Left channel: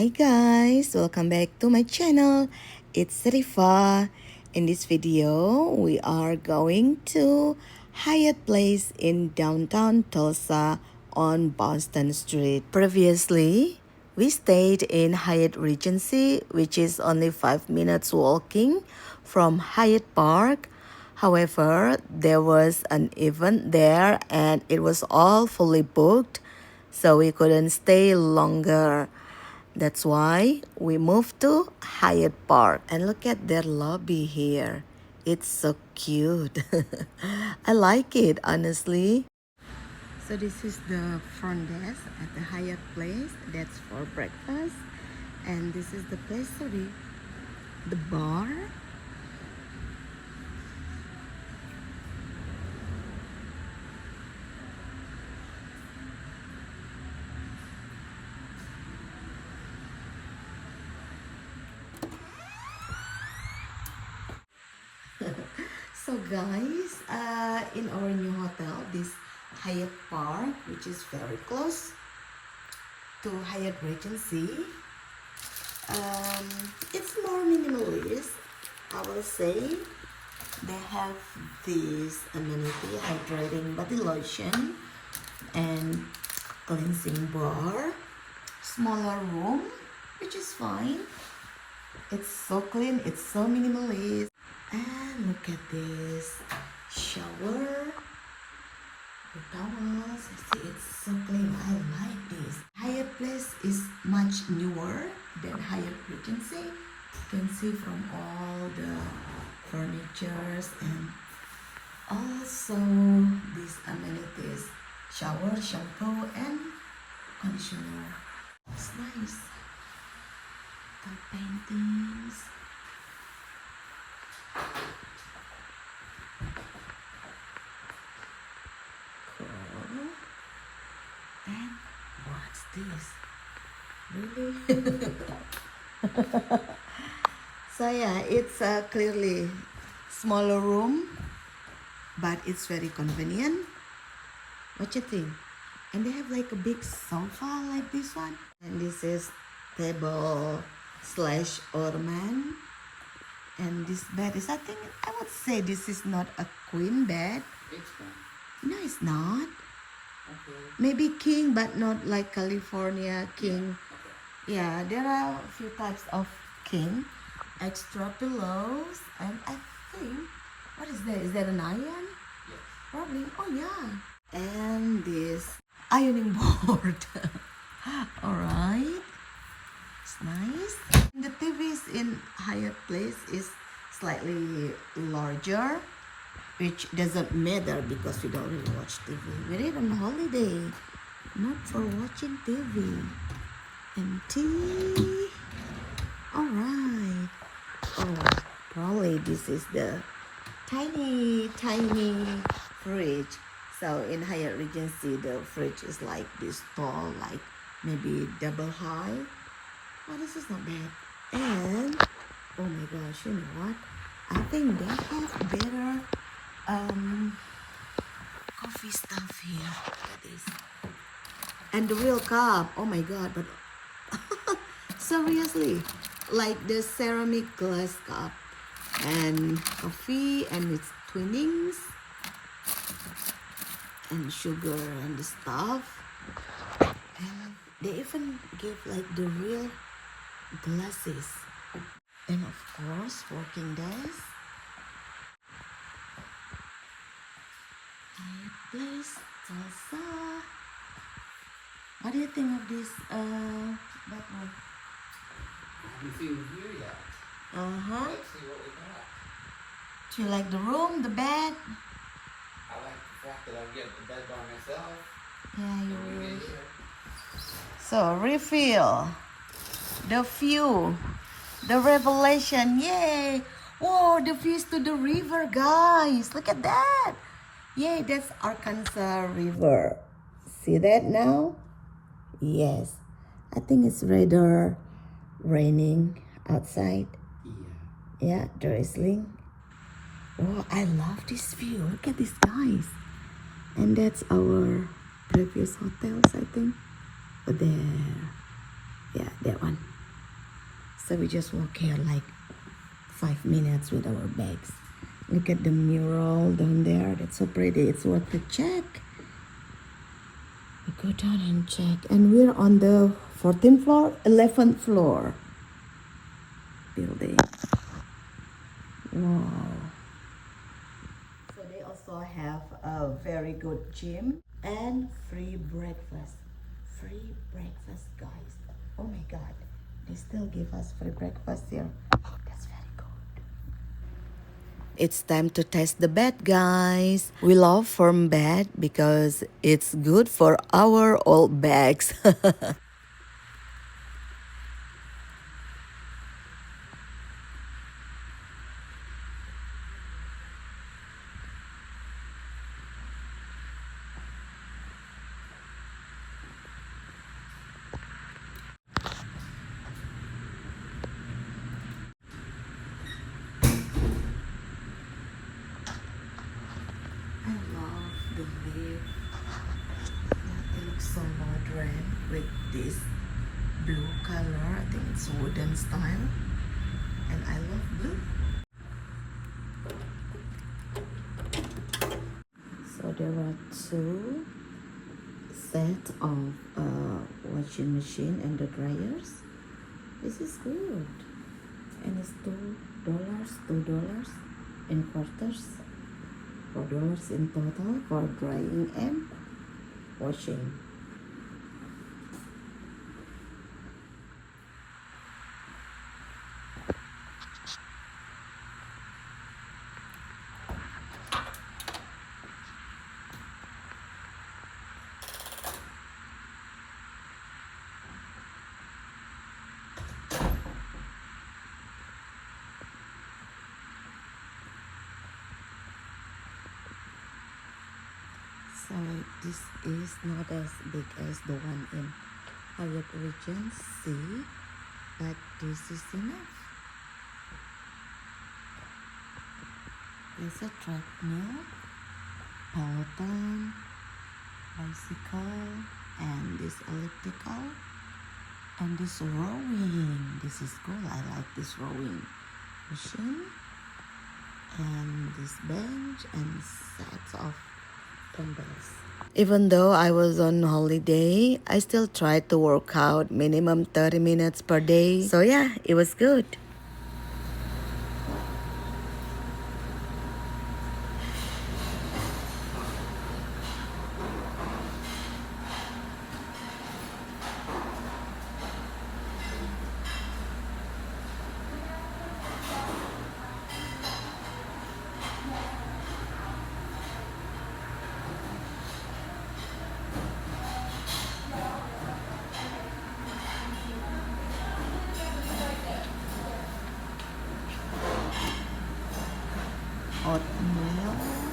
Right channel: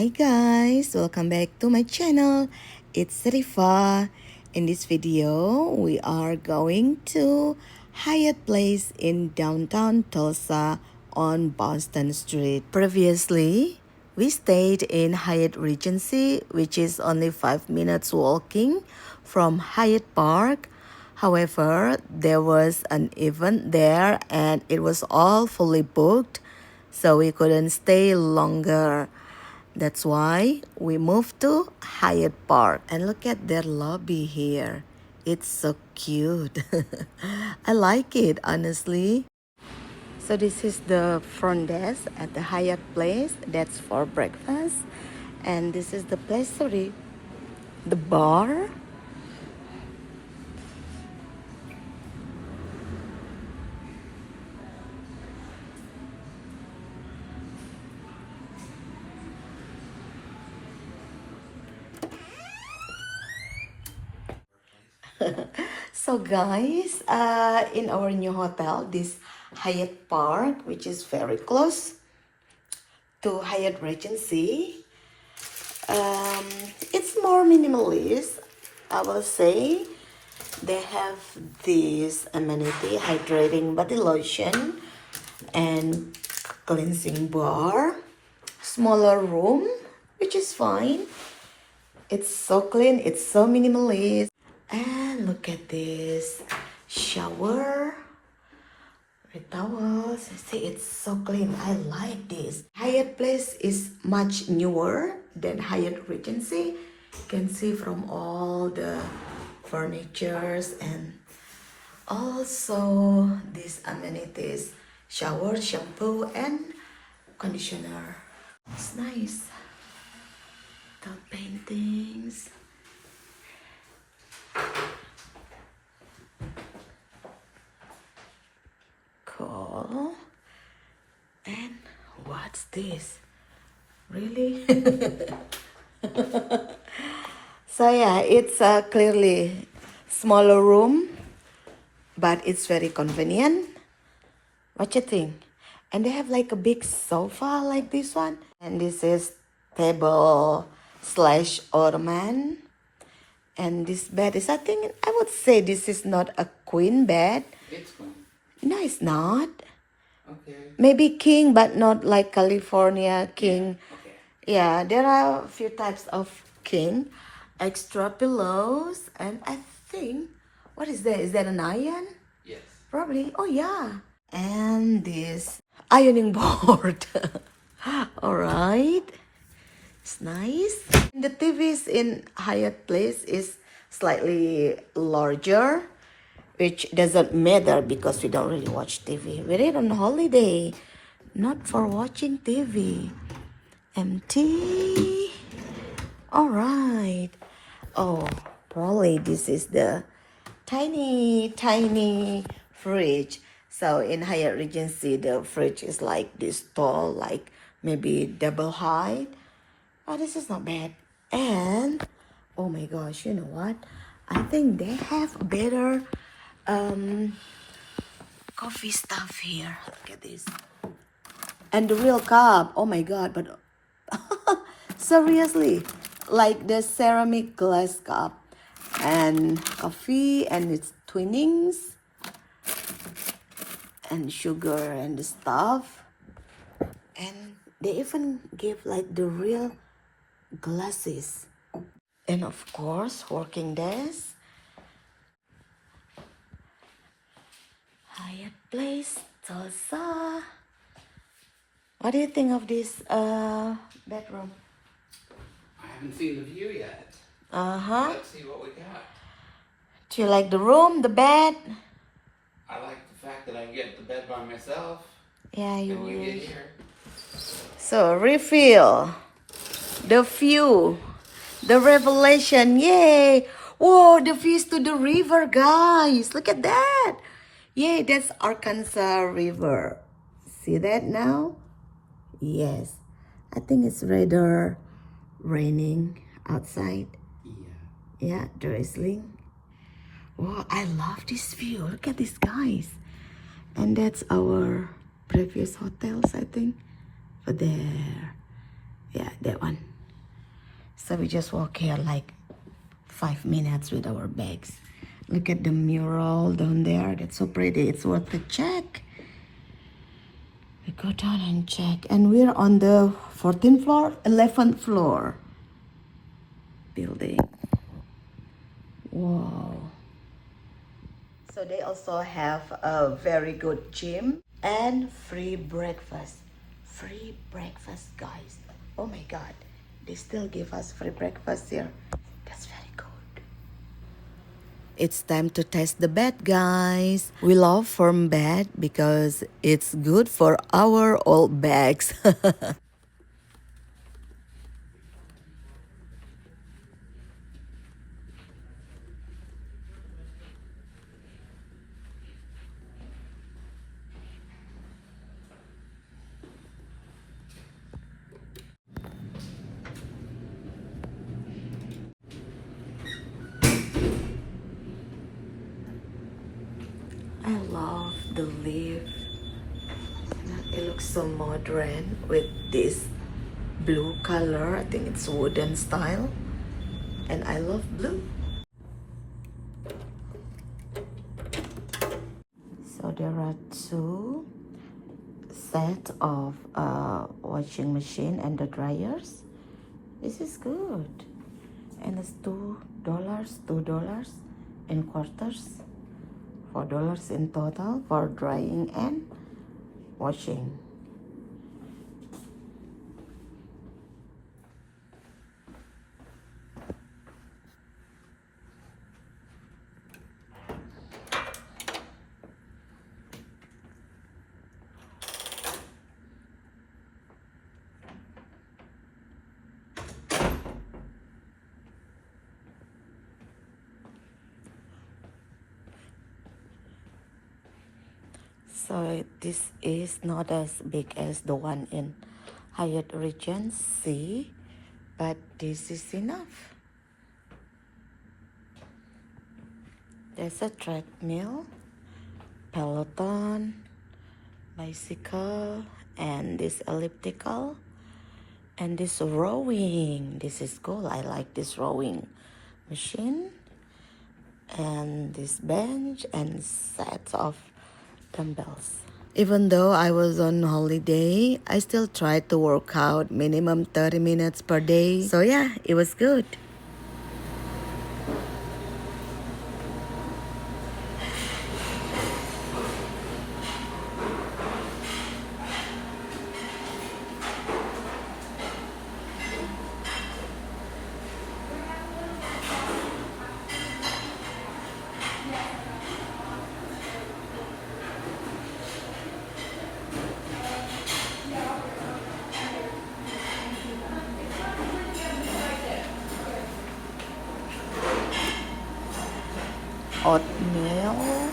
Hi guys, welcome back to my channel. It's Serifa. In this video, we are going to Hyatt Place in downtown Tulsa on Boston Street. Previously, we stayed in Hyatt Regency, which is only 5 minutes walking from Hyatt Park. However, there was an event there and it was all fully booked, so we couldn't stay longer. That's why we moved to Hyatt Park. And look at their lobby here. It's so cute. I like it, honestly. So this is the front desk at the Hyatt Place. That's for breakfast. And this is the place, sorry, the bar. So guys, in our new hotel, this Hyatt Park, which is very close to Hyatt Regency, it's more minimalist, I will say. They have this amenity, hydrating body lotion and cleansing bar, smaller room, which is fine. It's so clean, it's so minimalist. And look at this shower with towels. See, it's so clean. I like this. Hyatt Place is much newer than Hyatt Regency. You can see from all the furnitures and also these amenities: shower, shampoo, and conditioner. It's nice. The paintings. Cool. And what's this? Really? So yeah, it's clearly smaller room, but it's very convenient. What you think? And they have like a big sofa like this one. And this is table slash ottoman. And this bed is, I think, I would say this is not a queen bed. It's queen. No, it's not. Okay. Maybe king, but not like California king. Okay. Yeah, there are a few types of king. Extra pillows. And I think, what is that? Is that an iron? Yes. Probably. Oh, yeah. And this ironing board. All right. It's nice. The TVs in Hyatt Place is slightly larger, which doesn't matter because we don't really watch TV. We're on holiday, not for watching TV. Empty. All right. Oh, probably this is the tiny fridge. So in Hyatt Regency, the fridge is like this tall, like maybe double high. Oh, this is not bad. And oh my gosh, you know what? I think they have better coffee stuff here. Look at this. And the real cup. Oh my god, but seriously, like the ceramic glass cup and coffee and its twinnings and sugar and the stuff. And they even give like the real glasses. And of course, working desk. Hyatt Place, Tulsa. What do you think of this bedroom? I haven't seen the view yet. Uh-huh. Let's see what we got. Do you like the room, the bed? I like the fact that I can get the bed by myself. Yeah, you When you will. get here. So, refill. The view. The revelation. Yay! Whoa, the views to the river, guys. Look at that. Yay, that's Arkansas River. See that now? Yes. I think it's rather raining outside. Yeah. Yeah, drizzling. Oh, I love this view. Look at this, guys. And that's our previous hotels, I think. There. Yeah, that one. So we just walk here like 5 minutes with our bags. Look at the mural down there. That's so pretty. It's worth a check. We go down and check. And we're on the 14th floor, 11th floor building. Wow. So they also have a very good gym and free breakfast. Free breakfast, guys. Oh my God. They still give us free breakfast here. That's very good. It's time to test the bed, guys. We love firm bed because it's good for our old bags. I love the leaf. It looks so modern with this blue color. I think it's wooden style. And I love blue. So there are two sets of washing machine and the dryers. This is good. And it's $2 in quarters. $4 in total for drying and washing. So this is not as big as the one in Hyatt Regency, but this is enough. There's a treadmill, Peloton, bicycle, and this elliptical, and this rowing. This is cool. I like this rowing machine, and this bench and sets of dumbbells. Even though I was on holiday, I still tried to work out minimum 30 minutes per day. So yeah, it was good. Oatmeal